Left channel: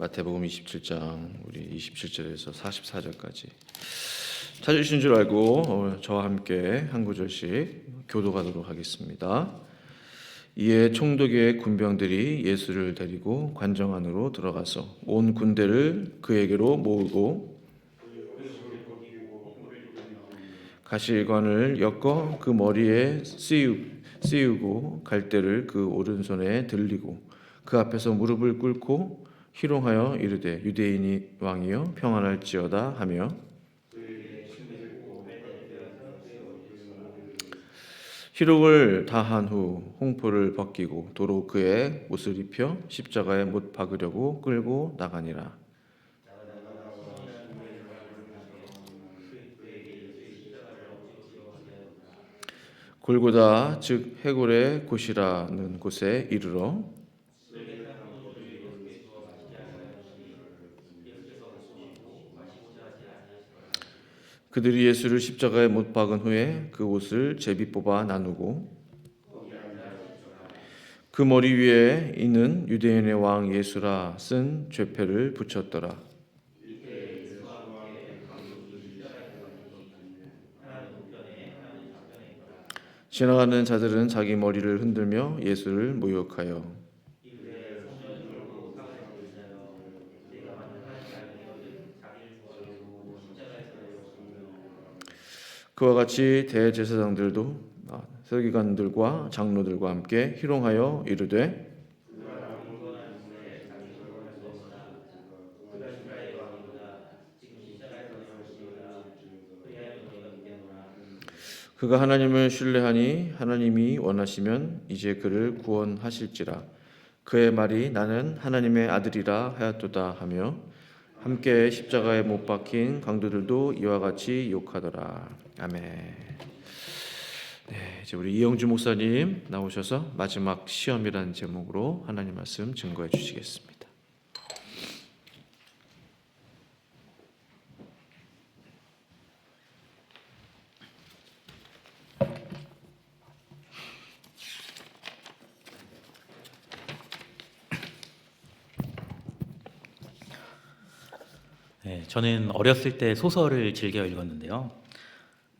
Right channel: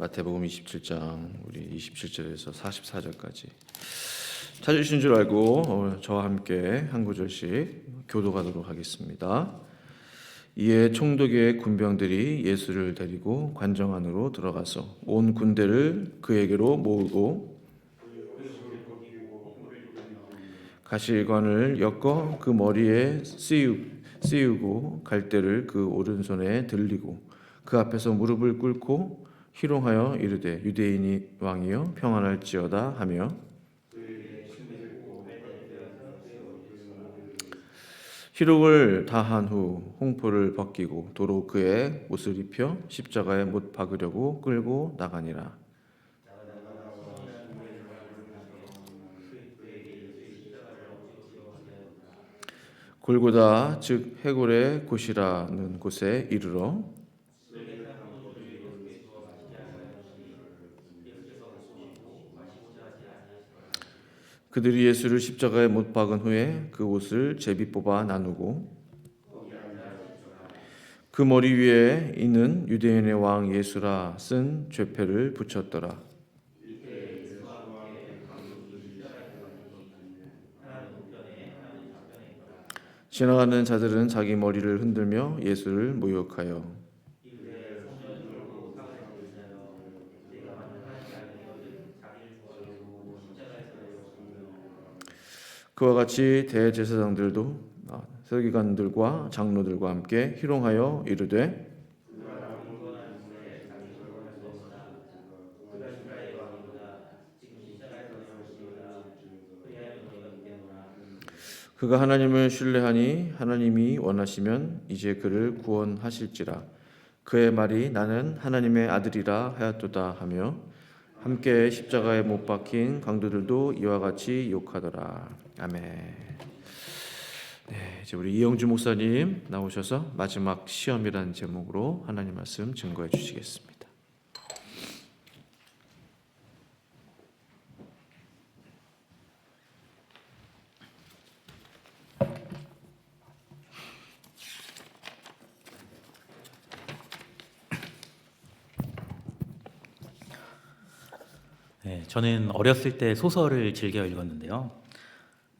마태복음 27장 우리 27절에서 44절까지 찾으신 줄 알고 저와 함께 한 구절씩 교도하도록 하겠습니다. 이에 총독의 군병들이 예수를 데리고 관정 안으로 들어가서 온 군대를 그에게로 모으고 가시관을 엮어 그 머리에 씌우고 갈대를 그 오른손에 들리고 그 앞에서 무릎을 꿇고 희롱하여 이르되 유대인이 왕이여 평안할지어다 하며 희롱을 다한 후 홍포를 벗기고 도로 그의 옷을 입혀 십자가에 못 박으려고 끌고 나가니라. 골고다 즉 해골의 곳이라는 곳에 이르러 그들이 예수를 십자가에 못 박은 후에 그 옷을 제비 뽑아 나누고 그 머리 위에 있는 유대인의 왕 예수라 쓴 죄패를 붙였더라. 지나가는 자들은 자기 머리를 흔들며 예수를 모욕하여 그와 같이 대제사장들도 서기관들과 장로들과 함께 희롱하여 이르되 그가 하나님을 신뢰하니 하나님이 원하시면 이제 그를 구원하실지라. 그의 말이 나는 하나님의 아들이라 하였도다 하며 함께 십자가에 못 박힌 강도들도 이와 같이 욕하더라. 아멘. 네, 이제 우리 이영주 목사님 나오셔서 마지막 시험이라는 제목으로 하나님 말씀 증거해 주시겠습니다. 네, 저는 어렸을 때 소설을 즐겨 읽었는데요.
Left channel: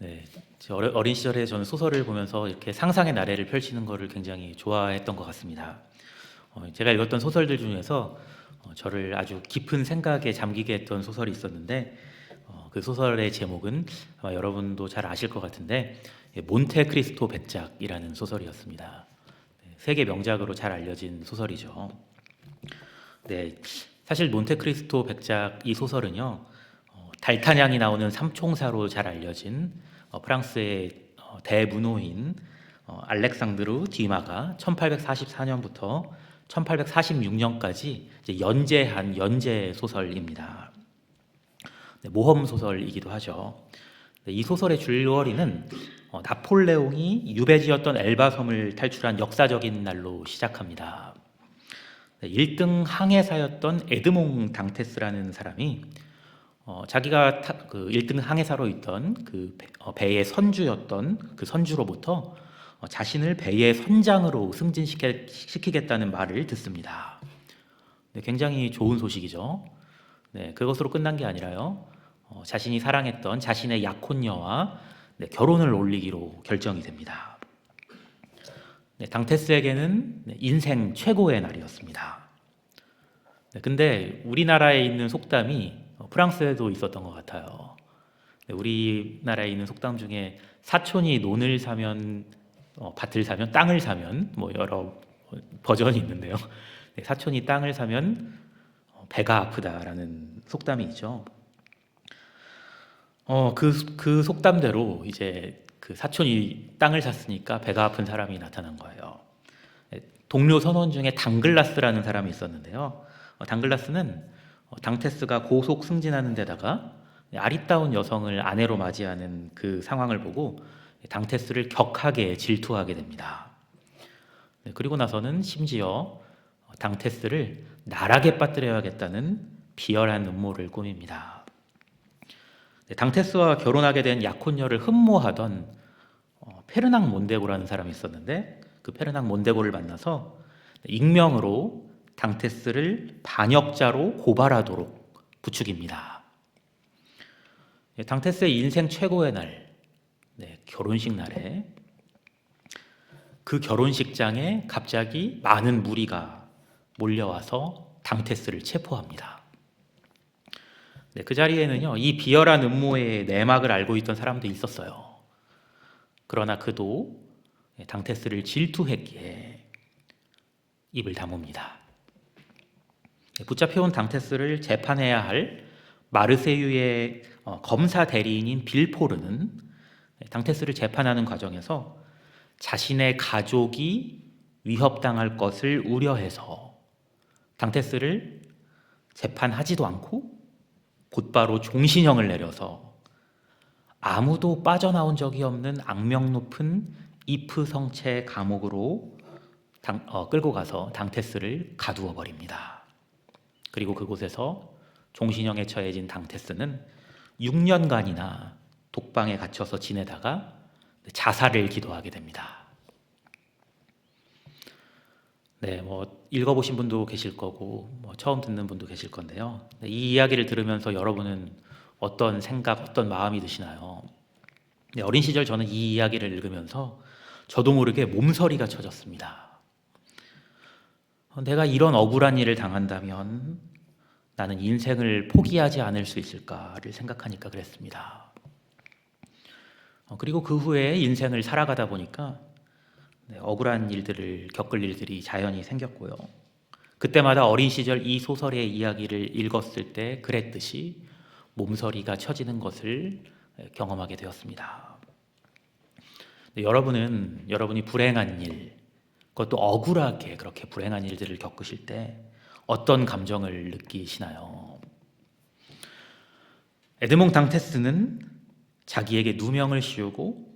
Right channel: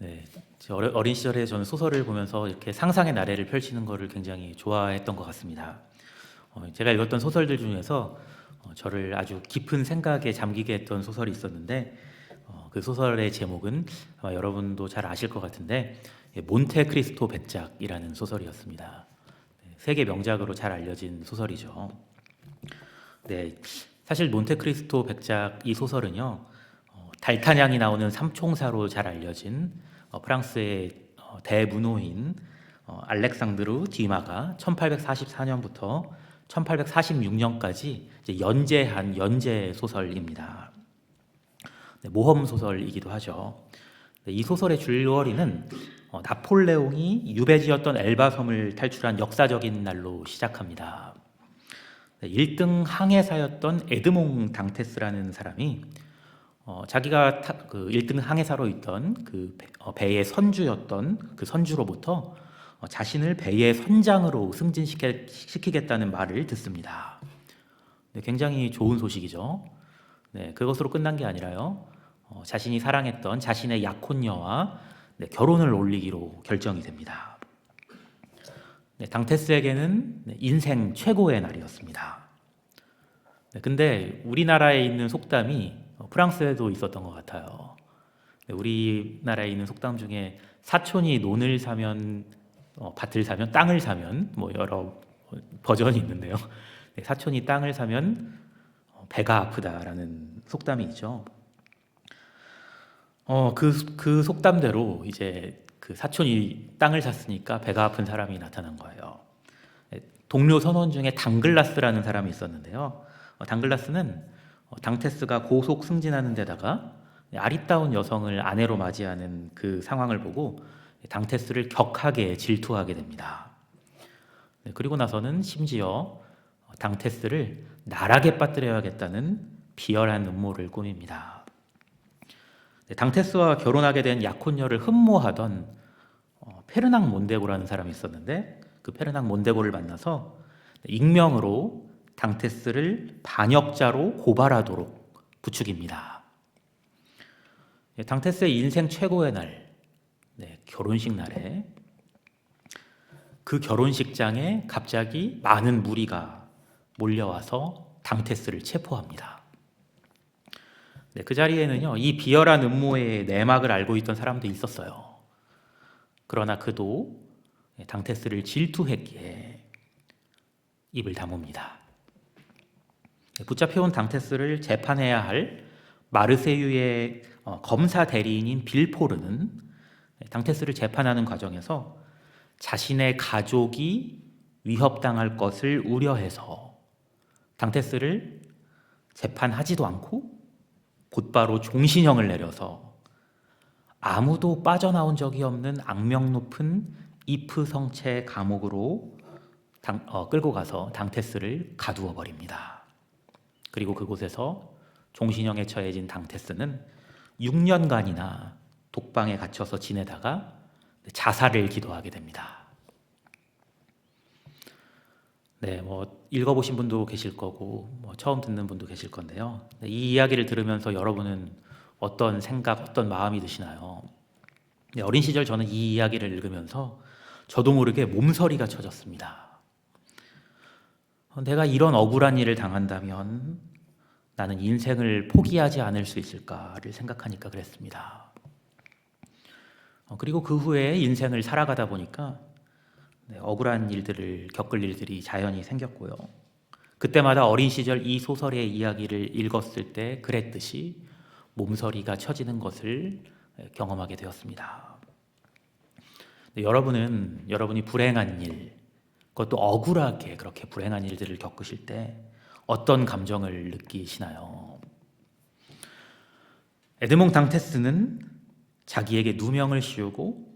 네, 어린 시절에 저는 소설을 보면서 이렇게 상상의 나래를 펼치는 것을 굉장히 좋아했던 것 같습니다. 제가 읽었던 소설들 중에서 저를 아주 깊은 생각에 잠기게 했던 소설이 있었는데 그 소설의 제목은 아마 여러분도 잘 아실 것 같은데 몬테크리스토 백작이라는 소설이었습니다. 네, 세계 명작으로 잘 알려진 소설이죠. 네, 사실 몬테크리스토 백작 이 소설은요, 달타냥이 나오는 삼총사로 잘 알려진 프랑스의 대문호인 알렉상드르 듀마가 1844년부터 1846년까지 연재한 연재 소설입니다. 네, 모험 소설이기도 하죠. 네, 이 소설의 줄거리는 나폴레옹이 유배지였던 엘바 섬을 탈출한 역사적인 날로 시작합니다. 1등 항해사였던 에드몽 당테스라는 사람이 자기가 그 1등 항해사로 있던 그 배의 선주였던 그 선주로부터 자신을 배의 선장으로 승진시키겠다는 말을 듣습니다. 네, 굉장히 좋은 소식이죠. 네, 그것으로 끝난 게 아니라요. 자신이 사랑했던 자신의 약혼녀와 결혼을 올리기로 결정이 됩니다. 네, 당테스에게는 인생 최고의 날이었습니다. 네, 근데 우리나라에 있는 속담이 프랑스에도 있었던 것 같아요. 네, 우리나라에 있는 속담 중에 사촌이 논을 사면 밭을 사면 땅을 사면 뭐 여러 버전이 있는데요. 네, 사촌이 땅을 사면 배가 아프다라는 속담이 있죠. 그 속담대로 이제 그 사촌이 땅을 샀으니까 배가 아픈 사람이 나타난 거예요. 동료 선원 중에 당글라스라는 사람이 있었는데요. 당글라스는 당테스가 고속 승진하는 데다가 아리따운 여성을 아내로 맞이하는 그 상황을 보고 당테스를 격하게 질투하게 됩니다. 그리고 나서는 심지어 당테스를 나락에 빠뜨려야겠다는 비열한 음모를 꾸밉니다. 당테스와 결혼하게 된 약혼녀를 흠모하던 페르낭 몬데고라는 사람이 있었는데 그 페르낭 몬데고를 만나서 익명으로 당테스를 반역자로 고발하도록 부추깁니다. 당테스의 인생 최고의 날, 결혼식 날에 그 결혼식장에 갑자기 많은 무리가 몰려와서 당테스를 체포합니다. 그 자리에는요, 이 비열한 음모의 내막을 알고 있던 사람도 있었어요. 그러나 그도 당테스를 질투했기에 입을 다뭅니다. 붙잡혀온 당테스를 재판해야 할 마르세유의 검사 대리인인 빌포르는 당테스를 재판하는 과정에서 자신의 가족이 위협당할 것을 우려해서 당테스를 재판하지도 않고 곧바로 종신형을 내려서 아무도 빠져나온 적이 없는 악명 높은 이프 성체 감옥으로 끌고 가서 당테스를 가두어 버립니다. 그리고 그곳에서 종신형에 처해진 당테스는 6년간이나 독방에 갇혀서 지내다가 자살을 기도하게 됩니다. 읽어보신 분도 계실 거고 처음 듣는 분도 계실 건데요. 이 이야기를 들으면서 여러분은 어떤 생각, 어떤 마음이 드시나요? 어린 시절 저는 이 이야기를 읽으면서 저도 모르게 몸서리가 쳐졌습니다. 내가 이런 억울한 일을 당한다면 나는 인생을 포기하지 않을 수 있을까를 생각하니까 그랬습니다. 그리고 그 후에 인생을 살아가다 보니까 억울한 일들을 겪을 일들이 자연히 생겼고요. 그때마다 어린 시절 이 소설의 이야기를 읽었을 때 그랬듯이 몸서리가 쳐지는 것을 경험하게 되었습니다. 여러분이 불행한 일, 그것도 억울하게 그렇게 불행한 일들을 겪으실 때 어떤 감정을 느끼시나요? 에드몽 당테스는 자기에게 누명을 씌우고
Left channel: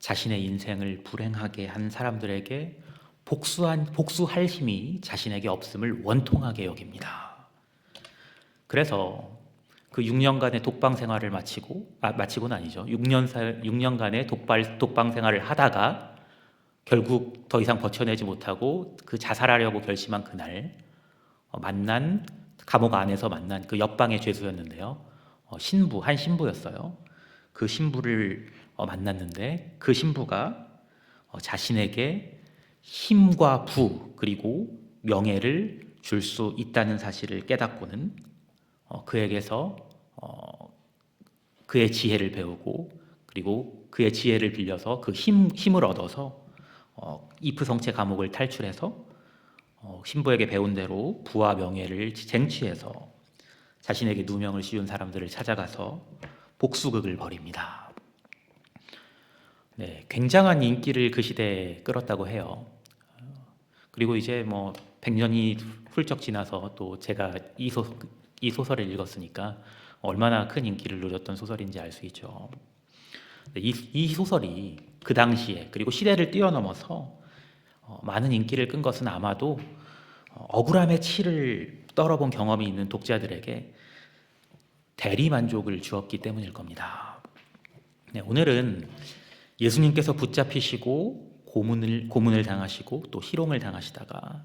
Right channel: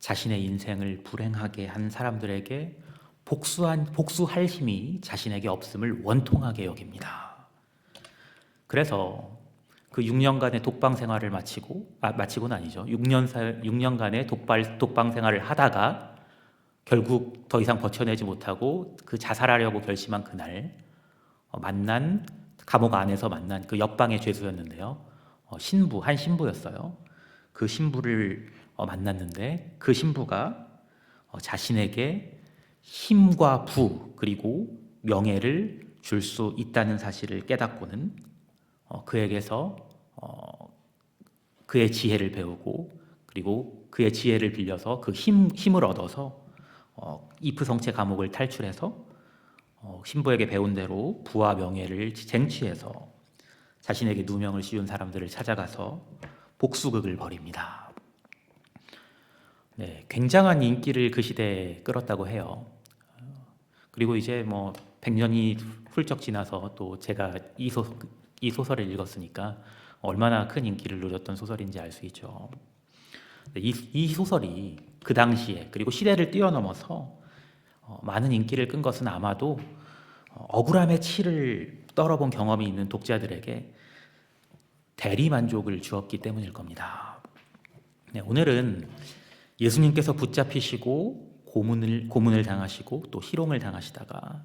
자신의 인생을 불행하게 한 사람들에게 복수할 힘이 자신에게 없음을 원통하게 여깁니다. 그래서 그 6년간의 독방 생활을 마치고는 아니죠. 6년간의 독방 생활을 하다가 결국 더 이상 버텨내지 못하고 그 자살하려고 결심한 그날 감옥 안에서 만난 그 옆방의 죄수였는데요. 한 신부였어요. 그 신부를 만났는데 그 신부가 자신에게 힘과 부 그리고 명예를 줄 수 있다는 사실을 깨닫고는 그에게서 그의 지혜를 배우고 그리고 그의 지혜를 빌려서 그 힘을 얻어서 이프 성체 감옥을 탈출해서 신부에게 배운 대로 부와 명예를 쟁취해서 자신에게 누명을 씌운 사람들을 찾아가서 복수극을 벌입니다. 굉장한 인기를 그 시대에 끌었다고 해요. 그리고 이제 100년이 훌쩍 지나서 또 제가 이 소설을 읽었으니까 얼마나 큰 인기를 누렸던 소설인지 알 수 있죠. 이 소설이 그 당시에 그리고 시대를 뛰어넘어서 많은 인기를 끈 것은 아마도 억울함의 치를 떨어본 경험이 있는 독자들에게 대리만족을 주었기 때문일 겁니다. 오늘은 예수님께서 붙잡히시고 고문을 당하시고 또 희롱을 당하시다가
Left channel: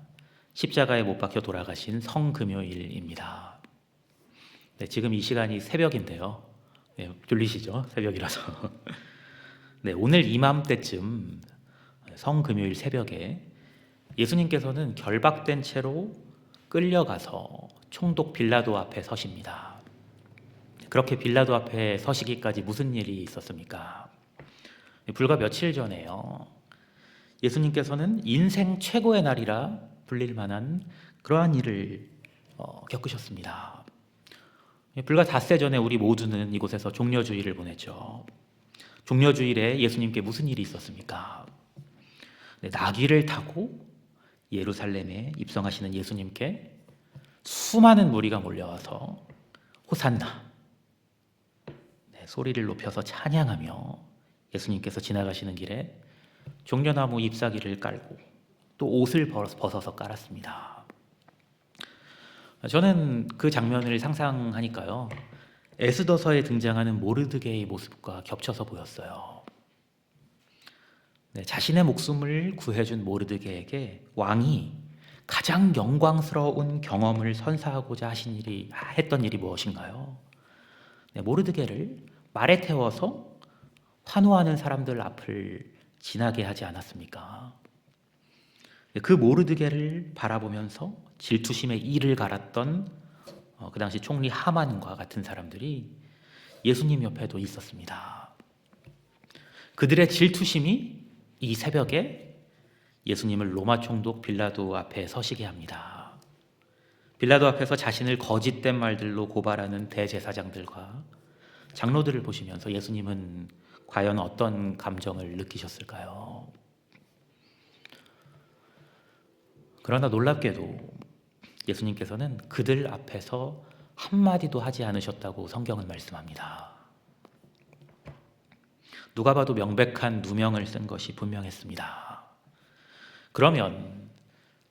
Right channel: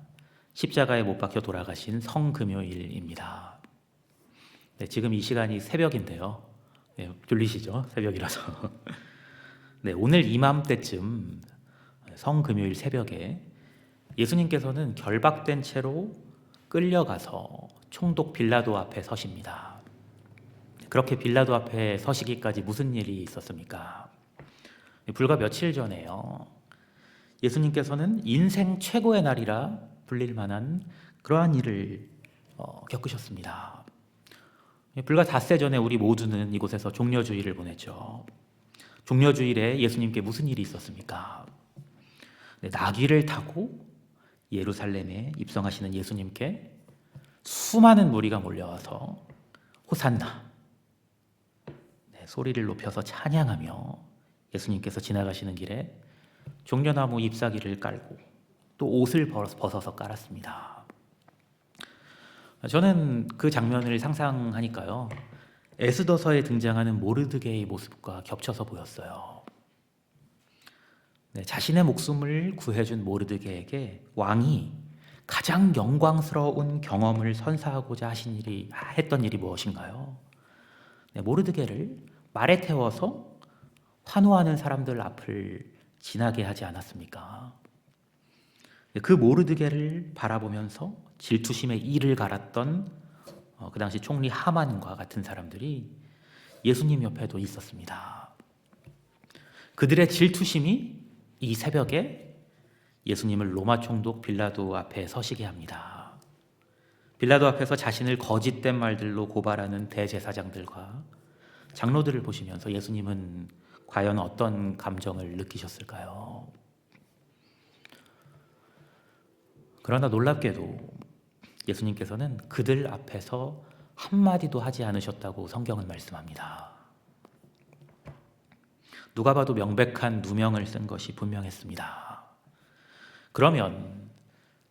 십자가에 못 박혀 돌아가신 성금요일입니다. 지금 이 시간이 새벽인데요. 들리시죠? 새벽이라서. 오늘 이맘때쯤 성금요일 새벽에 예수님께서는 결박된 채로 끌려가서 총독 빌라도 앞에 서십니다. 그렇게 빌라도 앞에 서시기까지 무슨 일이 있었습니까? 불과 며칠 전에요. 예수님께서는 인생 최고의 날이라 불릴 만한 그러한 일을 겪으셨습니다. 불과 닷새 전에 우리 모두는 이곳에서 종려주일을 보냈죠. 종려주일에 예수님께 무슨 일이 있었습니까? 나귀를 타고 예루살렘에 입성하시는 예수님께 수많은 무리가 몰려와서 호산나 소리를 높여서 찬양하며 예수님께서 지나가시는 길에 종려나무 잎사귀를 깔고 또 옷을 벗어서 깔았습니다. 저는 그 장면을 상상하니까요, 에스더서에 등장하는 모르드게의 모습과 겹쳐서 보였어요. 자신의 목숨을 구해준 모르드게에게 왕이 가장 영광스러운 경험을 선사하고자 했던 일이 무엇인가요? 네, 모르드게를 말에 태워서 환호하는 사람들 앞을 지나게 하지 않았습니까? 그 모르드게를 바라보면서 질투심에 이를 갈았던 그 당시 총리 하만과 같은 사람들이 예수님 옆에도 있었습니다. 그들의 질투심이 이 새벽에 예수님을 로마 총독 빌라도 앞에 서시게 합니다. 빌라도 앞에서 자신을 거짓된 말들로 고발하는 대제사장들과 장로들을 보시면서 예수님은 과연 어떤 감정을 느끼셨을까요? 그러나 놀랍게도 예수님께서는 그들 앞에서 한마디도 하지 않으셨다고 성경은 말씀합니다. 누가 봐도 명백한 누명을 쓴 것이 분명했습니다. 그러면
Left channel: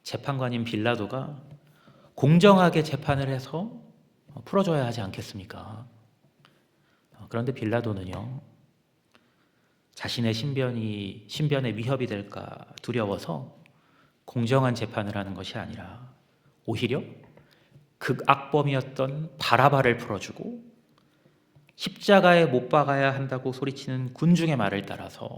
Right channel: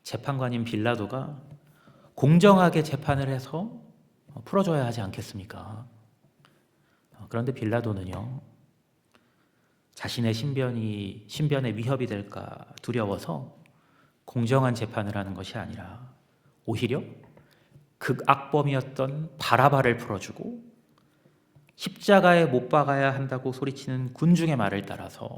재판관인 빌라도가 공정하게 재판을 해서 풀어줘야 하지 않겠습니까? 그런데 빌라도는요, 자신의 신변에 위협이 될까 두려워서 공정한 재판을 하는 것이 아니라 오히려 극악범이었던 바라바를 풀어주고 십자가에 못 박아야 한다고 소리치는 군중의 말을 따라서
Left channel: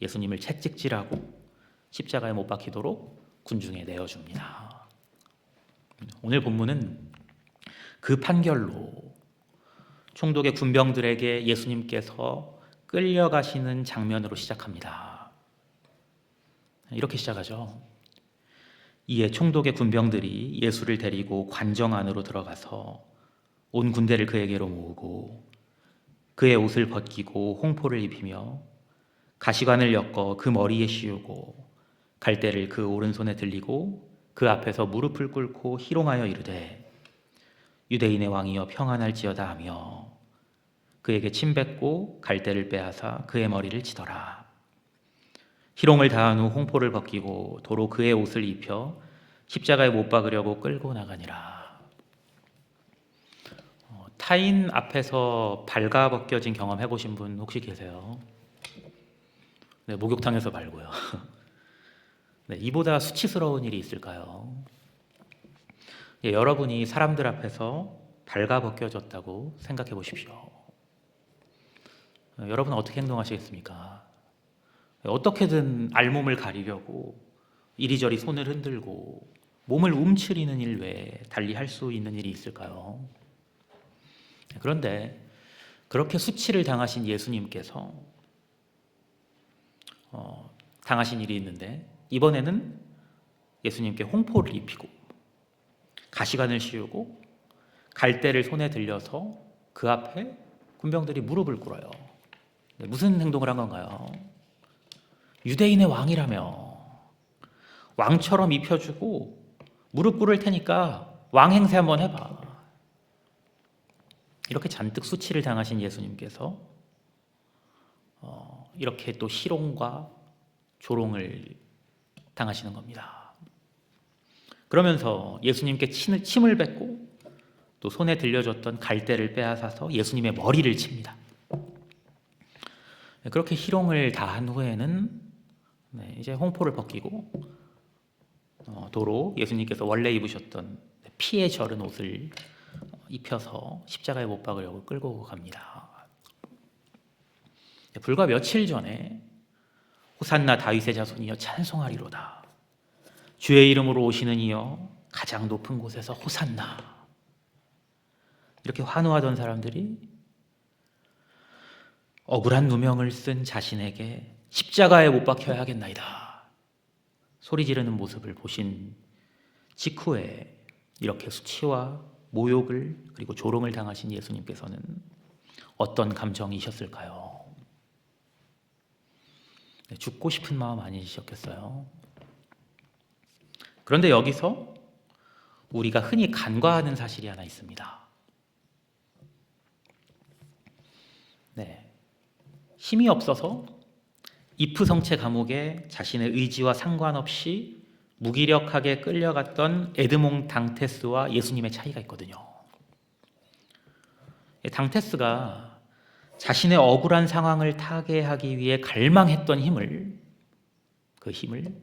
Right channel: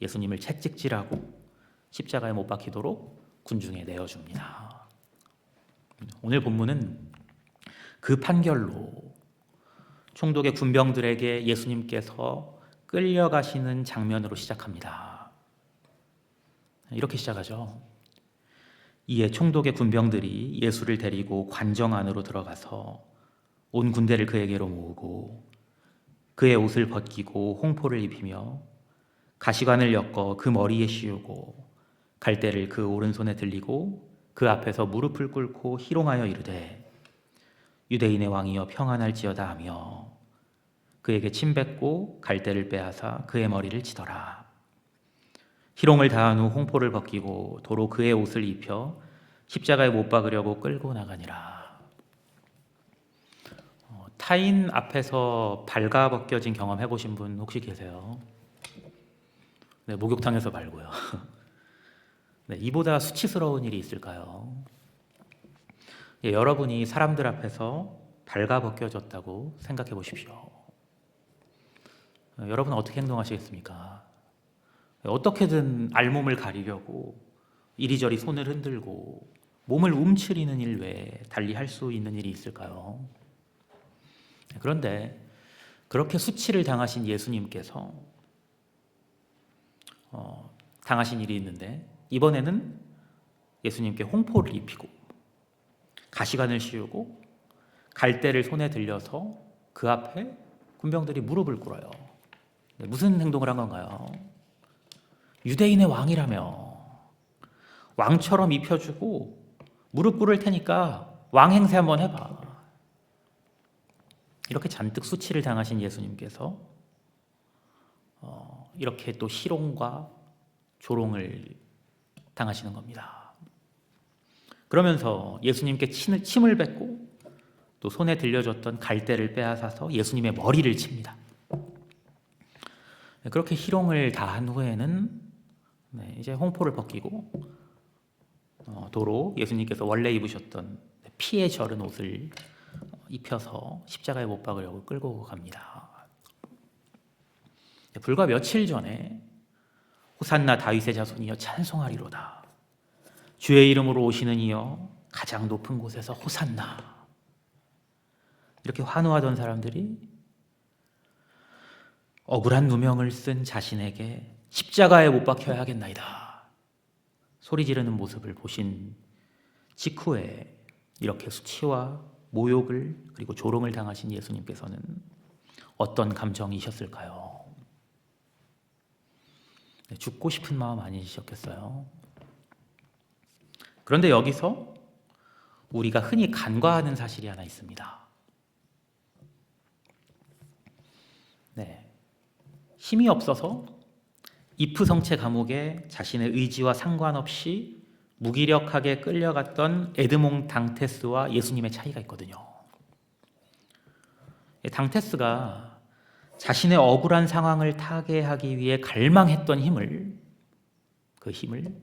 예수님을 채찍질하고 십자가에 못 박히도록 군중에 내어줍니다. 오늘 본문은 그 판결로 총독의 군병들에게 예수님께서 끌려가시는 장면으로 시작합니다. 이렇게 시작하죠. 이에 총독의 군병들이 예수를 데리고 관정 안으로 들어가서 온 군대를 그에게로 모으고 그의 옷을 벗기고 홍포를 입히며 가시관을 엮어 그 머리에 씌우고 갈대를 그 오른손에 들리고 그 앞에서 무릎을 꿇고 희롱하여 이르되 유대인의 왕이여 평안할지어다 하며 그에게 침 뱉고 갈대를 빼앗아 그의 머리를 치더라. 희롱을 다한 후 홍포를 벗기고 도로 그의 옷을 입혀 십자가에 못 박으려고 끌고 나가니라. 타인 앞에서 발가벗겨진 경험 해보신 분 혹시 계세요? 네, 목욕탕에서 말고요. 네, 이보다 수치스러운 일이 있을까요? 예, 여러분이 사람들 앞에서 발가벗겨졌다고 생각해 보십시오. 여러분은 어떻게 행동하시겠습니까? 어떻게든 알몸을 가리려고 이리저리 손을 흔들고 몸을 움츠리는 일 외에 달리 할 수 있는 일이 있을까요? 그런데 그렇게 수치를 당하신 예수님께서 당하신 일이 있는데 이번에는 예수님께 홍포를 입히고 가시관을 씌우고 갈대를 손에 들려서 그 앞에 군병들이 무릎을 꿇어요. 무슨 행동을 한 건가요? 유대인의 왕이라며 왕처럼 입혀주고 무릎 꿇을 테니까 왕 행세 한번 해봐. 이렇게 잔뜩 수치를 당하신 예수님께서 이렇게 또 희롱과 조롱을 당하시는 겁니다. 그러면서 예수님께 침을 뱉고 또 손에 들려줬던 갈대를 빼앗아서 예수님의 머리를 칩니다. 그렇게 희롱을 다한 후에는 이제 홍포를 벗기고 도로 예수님께서 원래 입으셨던 피에 절은 옷을 입혀서 십자가에 못 박으려고 끌고 갑니다. 불과 며칠 전에 호산나 다윗의 자손이여 찬송하리로다. 주의 이름으로 오시는 이여 가장 높은 곳에서 호산나. 이렇게 환호하던 사람들이 억울한 누명을 쓴 자신에게 십자가에 못 박혀야겠나이다. 소리 지르는 모습을 보신 직후에 이렇게 수치와 모욕을 그리고 조롱을 당하신 예수님께서는 어떤 감정이셨을까요? 죽고 싶은 마음 아니셨겠어요? 그런데 여기서 우리가 흔히 간과하는 사실이 하나 있습니다. 힘이 없어서 이프성체 감옥에 자신의 의지와 상관없이 무기력하게 끌려갔던 에드몽 당테스와 예수님의 차이가 있거든요. 당테스가 자신의 억울한 상황을 타개하기 위해 갈망했던 그 힘을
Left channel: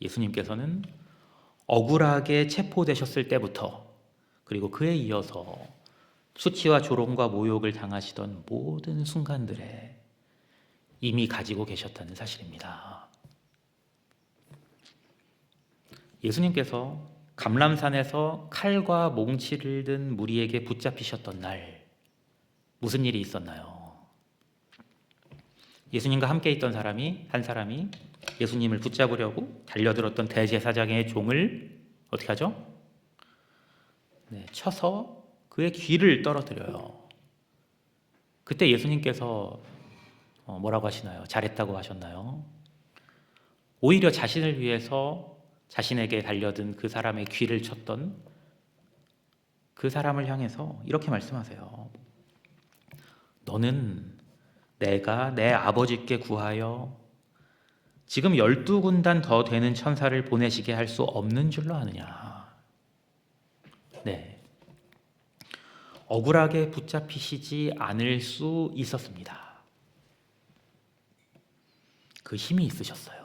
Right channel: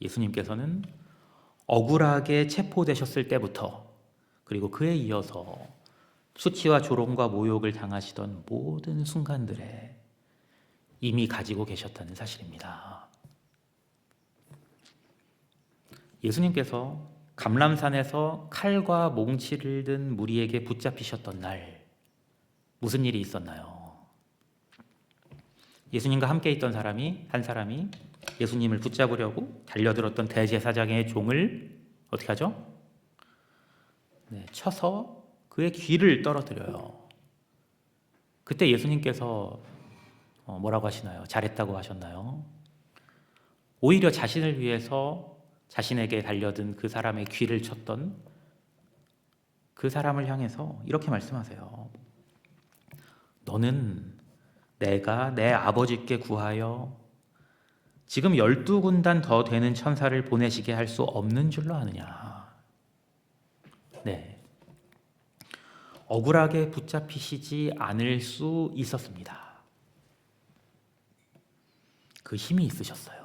예수님께서는 억울하게 체포되셨을 때부터 그리고 그에 이어서 수치와 조롱과 모욕을 당하시던 모든 순간들에 이미 가지고 계셨다는 사실입니다. 예수님께서 감람산에서 칼과 몽치를 든 무리에게 붙잡히셨던 날 무슨 일이 있었나요? 예수님과 함께 있던 한 사람이 예수님을 붙잡으려고 달려들었던 대제사장의 종을 어떻게 하죠? 쳐서 그의 귀를 떨어뜨려요. 그때 예수님께서 뭐라고 하시나요? 잘했다고 하셨나요? 오히려 자신을 위해서 자신에게 달려든 그 사람의 귀를 쳤던 그 사람을 향해서 이렇게 말씀하세요. 너는 내가 내 아버지께 구하여 지금 12군단 더 되는 천사를 보내시게 할 수 없는 줄로 아느냐. 네, 억울하게 붙잡히시지 않을 수 있었습니다. 그 힘이 있으셨어요.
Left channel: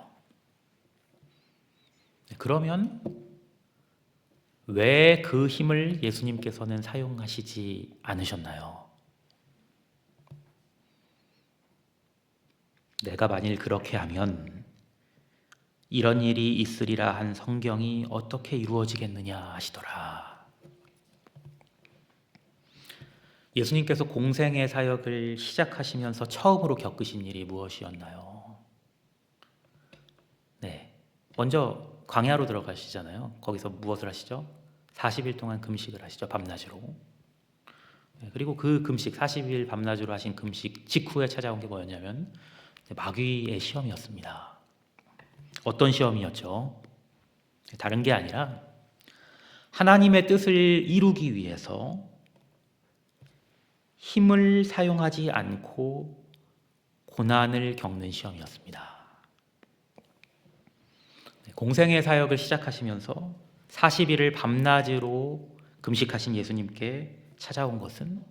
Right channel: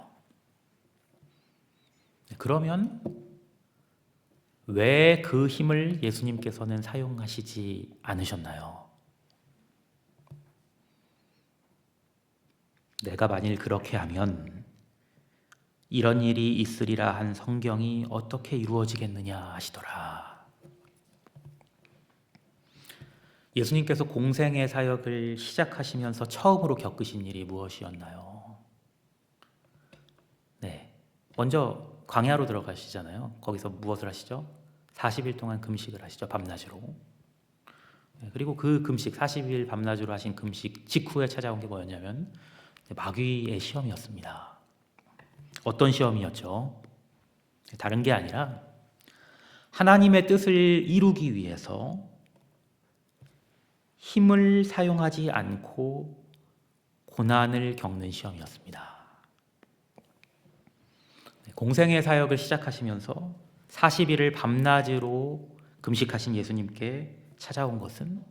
그러면 왜 그 힘을 예수님께서는 사용하시지 않으셨나요? 내가 만일 그렇게 하면 이런 일이 있으리라 한 성경이 어떻게 이루어지겠느냐 하시더라. 예수님께서 공생의 사역을 시작하시면서 처음으로 겪으신 일이 무엇이었나요? 네, 먼저 광야로 들어가시잖아요. 거기서 무엇을 하시죠? 40일 동안 금식을 하시죠. 밤낮으로. 그리고 그 금식 40일 밤낮으로 하신 금식 직후에 찾아온 게 뭐였냐면 마귀의 시험이었습니다. 어떤 시험이었죠? 다른 게 아니라 하나님의 뜻을 이루기 위해서 힘을 사용하지 않고 고난을 겪는 시험이었습니다. 공생의 사역을 시작하시면서 40일을 밤낮으로 금식하신 예수님께 찾아온 것은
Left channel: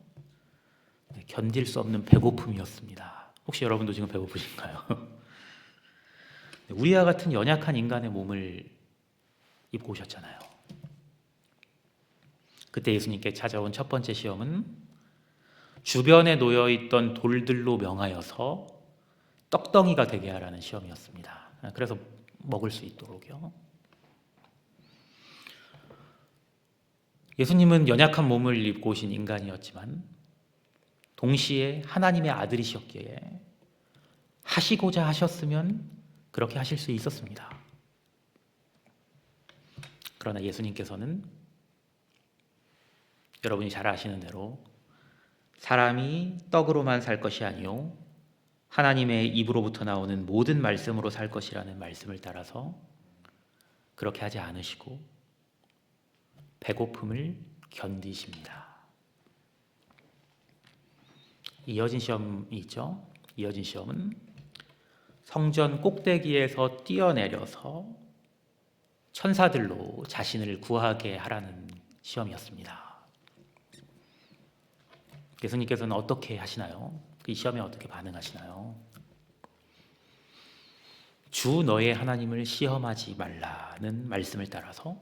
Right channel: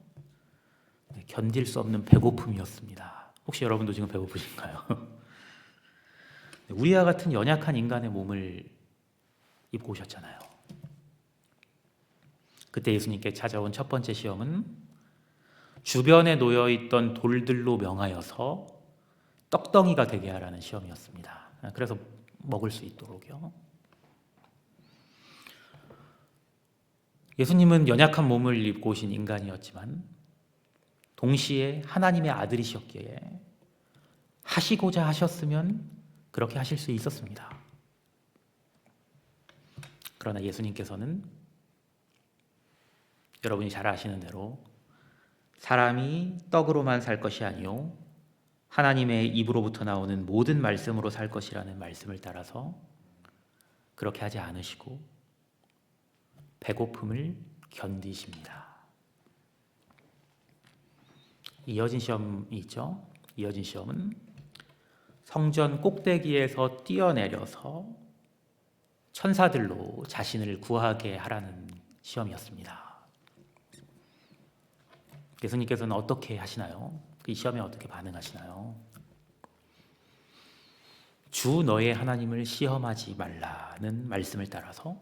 견딜 수 없는 배고픔이었습니다. 혹시 여러분도 지금 배고프신가요? 우리와 같은 연약한 인간의 몸을 입고 오셨잖아요. 그때 예수님께 찾아온 첫 번째 시험은 주변에 놓여있던 돌들로 명하여서 떡덩이가 되게 하라는 시험이었습니다. 그래서 먹을 수 있도록요. 예수님은 연약한 몸을 입고 오신 인간이었지만 동시에 하나님의 아들이셨기에 하시고자 하셨으면 그렇게 하실 수 있었습니다. 그러나 예수님께서는 여러분이 잘 아시는 대로 사람이 떡으로만 살 것이 아니요 하나님의 입으로부터 나오는 모든 말씀으로 살 것이라는 말씀을 따라서 그렇게 하지 않으시고 배고픔을 견디십니다. 이어진 시험이 있죠. 이어진 시험은 성전 꼭대기에서 뛰어내려서 천사들로 자신을 구하게 하라는 시험이었습니다. 예수님께서는 어떻게 하시나요? 이 시험에 어떻게 반응하시나요? 주 너의 하나님을 시험하지 말라는 말씀을 따라서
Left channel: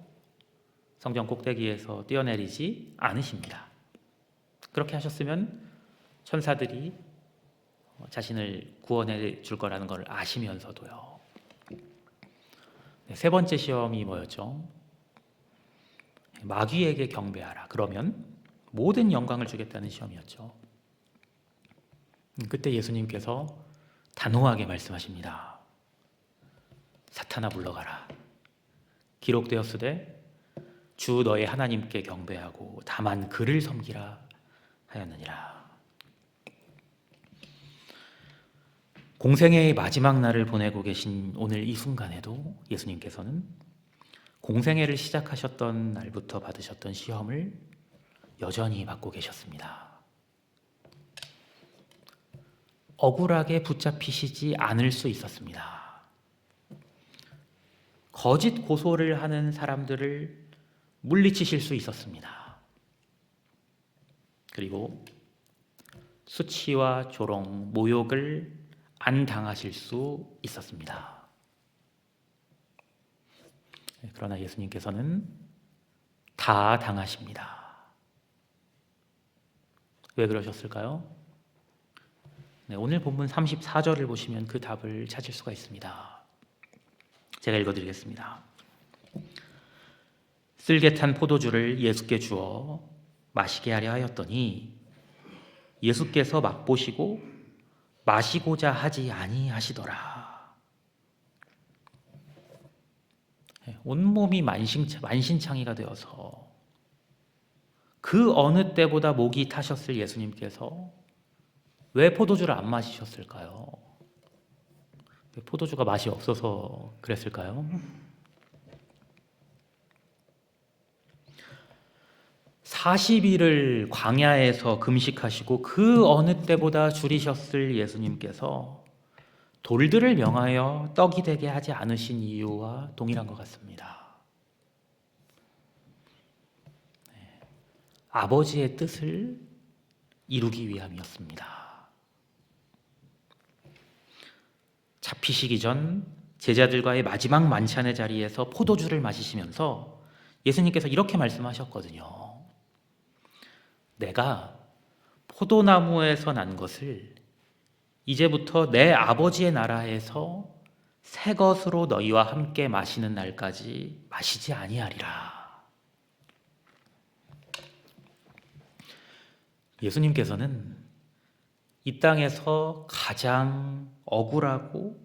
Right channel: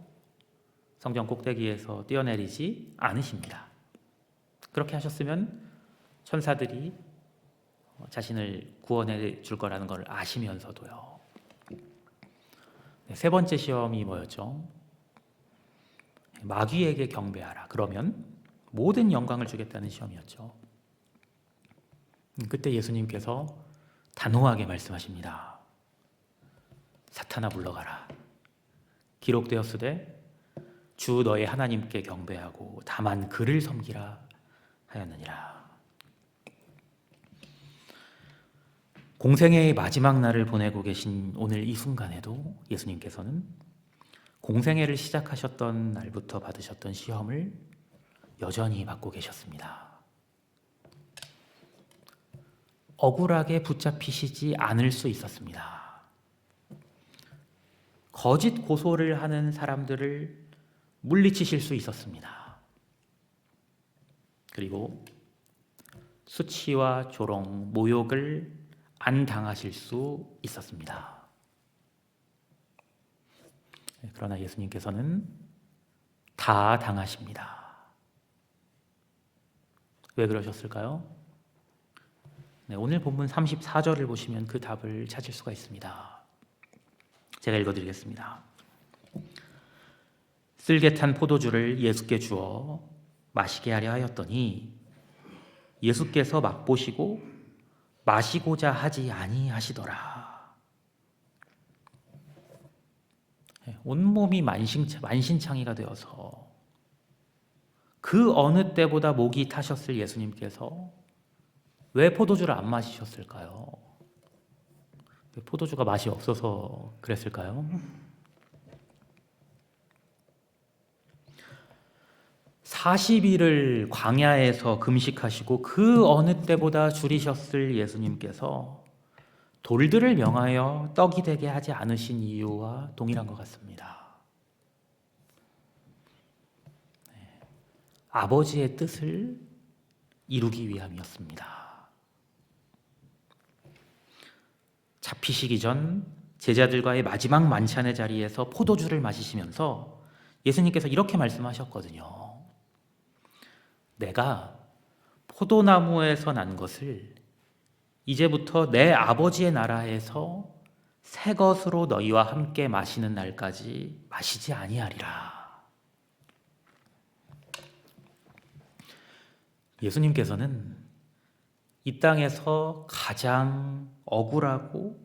성전 꼭대기에서 뛰어내리지 않으십니다. 그렇게 하셨으면 천사들이 자신을 구원해 줄 거라는 걸 아시면서도요. 세 번째 시험이 뭐였죠? 마귀에게 경배하라. 그러면 모든 영광을 주겠다는 시험이었죠. 그때 예수님께서 단호하게 말씀하십니다. 사탄아 물러가라. 기록되었으되 주 너의 하나님께 경배하고 다만 그를 섬기라 하였느니라. 공생애의 마지막 날을 보내고 계신 오늘 이 순간에도 예수님께서는 공생애를 시작하셨던 날부터 받으셨던 시험을 여전히 받고 계셨습니다. 억울하게 붙잡히시지 않을 수 있었습니다. 거짓 고소를 하는 사람들을 물리치실 수 있었습니다. 그리고 수치와 조롱, 모욕을 안 당하실 수 있었습니다. 그러나 예수님께서는 다 당하십니다. 왜 그러셨을까요? 오늘 본문 34절을 보시면 그 답을 찾을 수가 있습니다. 제가 읽어드리겠습니다. 쓸개 탄 포도주를 예수께 주어 마시게 하려 하였더니 예수께서 맛보시고 마시고자 하지 아니하시더라. 온몸이 만신창이가 되어서 그 어느 때보다 목이 타셨을 예수님께서 왜 포도주를 안 마시셨을까요? 왜 포도주가 맛이 없어서 그랬을까요? 40일을 광야에서 금식하시고 그 어느 때보다 줄이셨을 예수님께서 돌들을 명하여 떡이 되게 하지 않으신 이유와 동일한 것 같습니다. 아버지의 뜻을 이루기 위함이었습니다. 잡히시기 전 제자들과의 마지막 만찬의 자리에서 포도주를 마시시면서 예수님께서 이렇게 말씀하셨거든요. 내가 포도나무에서 난 것을 이제부터 내 아버지의 나라에서 새 것으로 너희와 함께 마시는 날까지 마시지 아니하리라. 예수님께서는 이 땅에서 가장 억울하고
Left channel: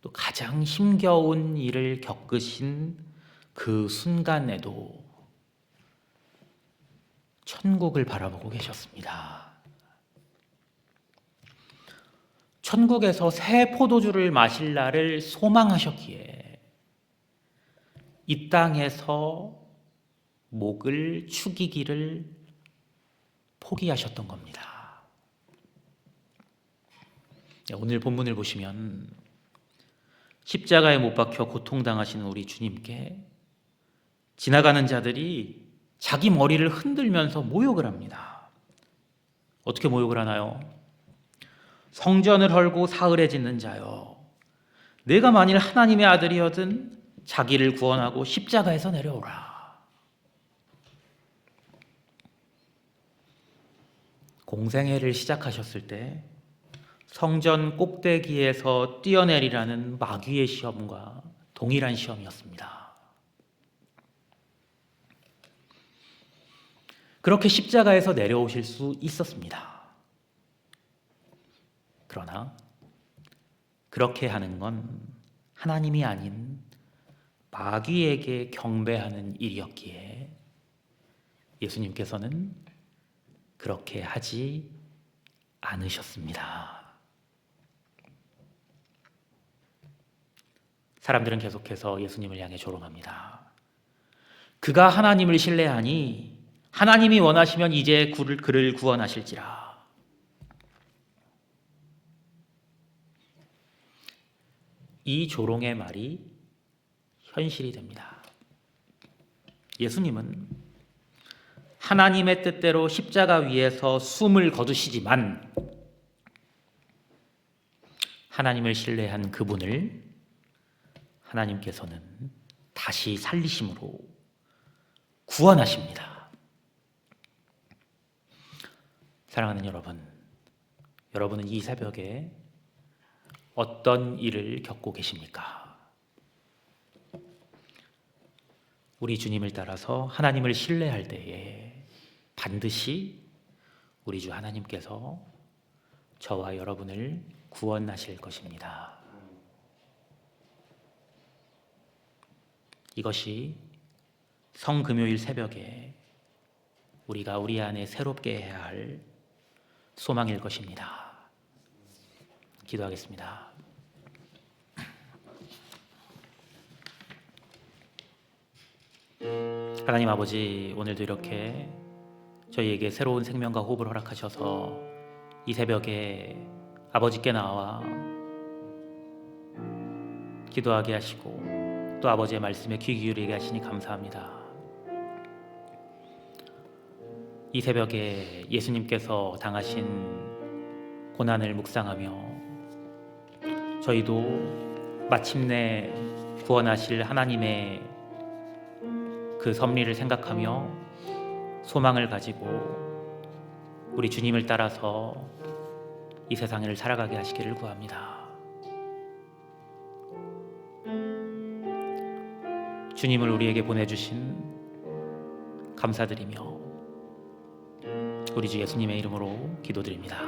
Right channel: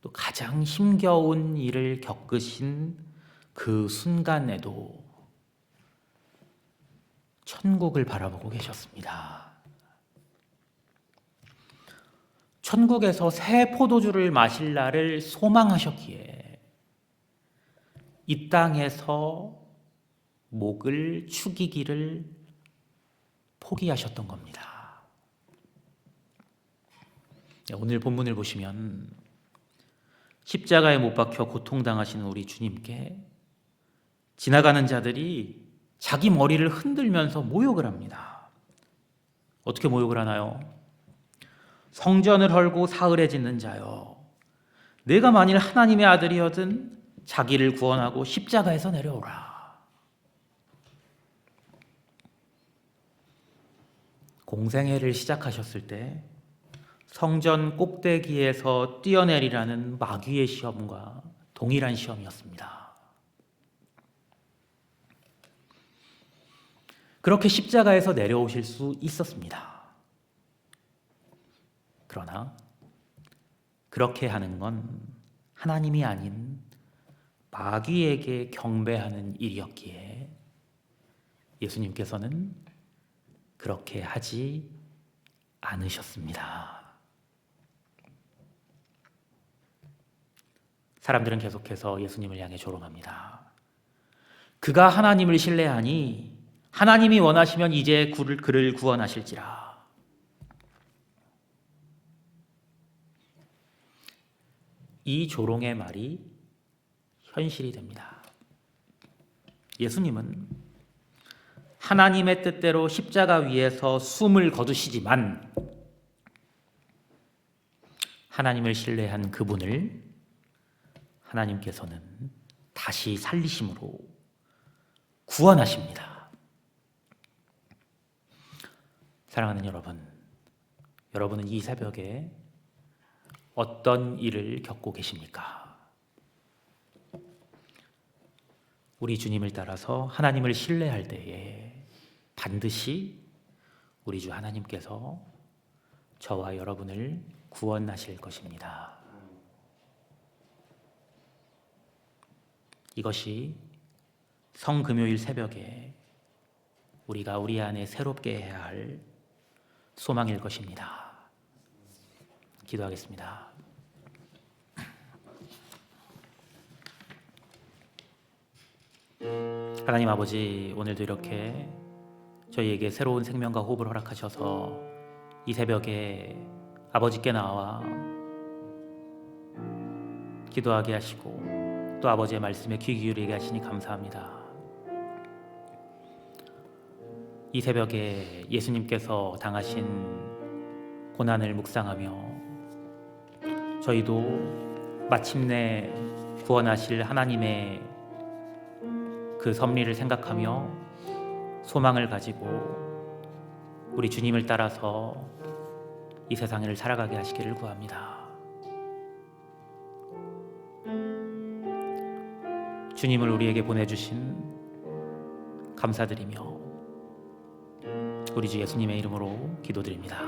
또 가장 힘겨운 일을 겪으신 그 순간에도 천국을 바라보고 계셨습니다. 천국에서 새 포도주를 마실 날을 소망하셨기에 이 땅에서 목을 축이기를 포기하셨던 겁니다. 오늘 본문을 보시면 십자가에 못 박혀 고통당하시는 우리 주님께 지나가는 자들이 자기 머리를 흔들면서 모욕을 합니다. 어떻게 모욕을 하나요? 성전을 헐고 사흘에 짓는 자여, 내가 만일 하나님의 아들이어든 자기를 구원하고 십자가에서 내려오라. 공생애를 시작하셨을 때 성전 꼭대기에서 뛰어내리라는 마귀의 시험과 동일한 시험이었습니다. 그렇게 십자가에서 내려오실 수 있었습니다. 그러나 그렇게 하는 건 하나님이 아닌 마귀에게 경배하는 일이었기에 예수님께서는 그렇게 하지 않으셨습니다. 사람들은 계속해서 예수님을 향해 조롱합니다. 그가 하나님을 신뢰하니 하나님이 원하시면 이제 그를 구원하실지라. 이 조롱의 말이 현실이 됩니다. 예수님은 하나님의 뜻대로 십자가 위에서 숨을 거두시지만 하나님을 신뢰한 그분을 하나님께서는 다시 살리심으로 구원하십니다. 사랑하는 여러분, 여러분은 이 새벽에 어떤 일을 겪고 계십니까? 우리 주님을 따라서 하나님을 신뢰할 때에 반드시 우리 주 하나님께서 저와 여러분을 구원하실 것입니다. 이것이 성금요일 새벽에 우리가 우리 안에 새롭게 해야 할 소망일 것입니다. 기도하겠습니다. 하나님 아버지, 오늘도 이렇게 저희에게 새로운 생명과 호흡을 허락하셔서 이 새벽에 아버지께 나와 기도하게 하시고 또 아버지의 말씀에 귀 기울이게 하시니 감사합니다. 이 새벽에 예수님께서 당하신 고난을 묵상하며 저희도 마침내 구원하실 하나님의 그 섭리를 생각하며 소망을 가지고 우리 주님을 따라서 이 세상을 살아가게 하시기를 구합니다. 주님을 우리에게 보내주신 감사드리며 우리 주 예수님의 이름으로 기도드립니다.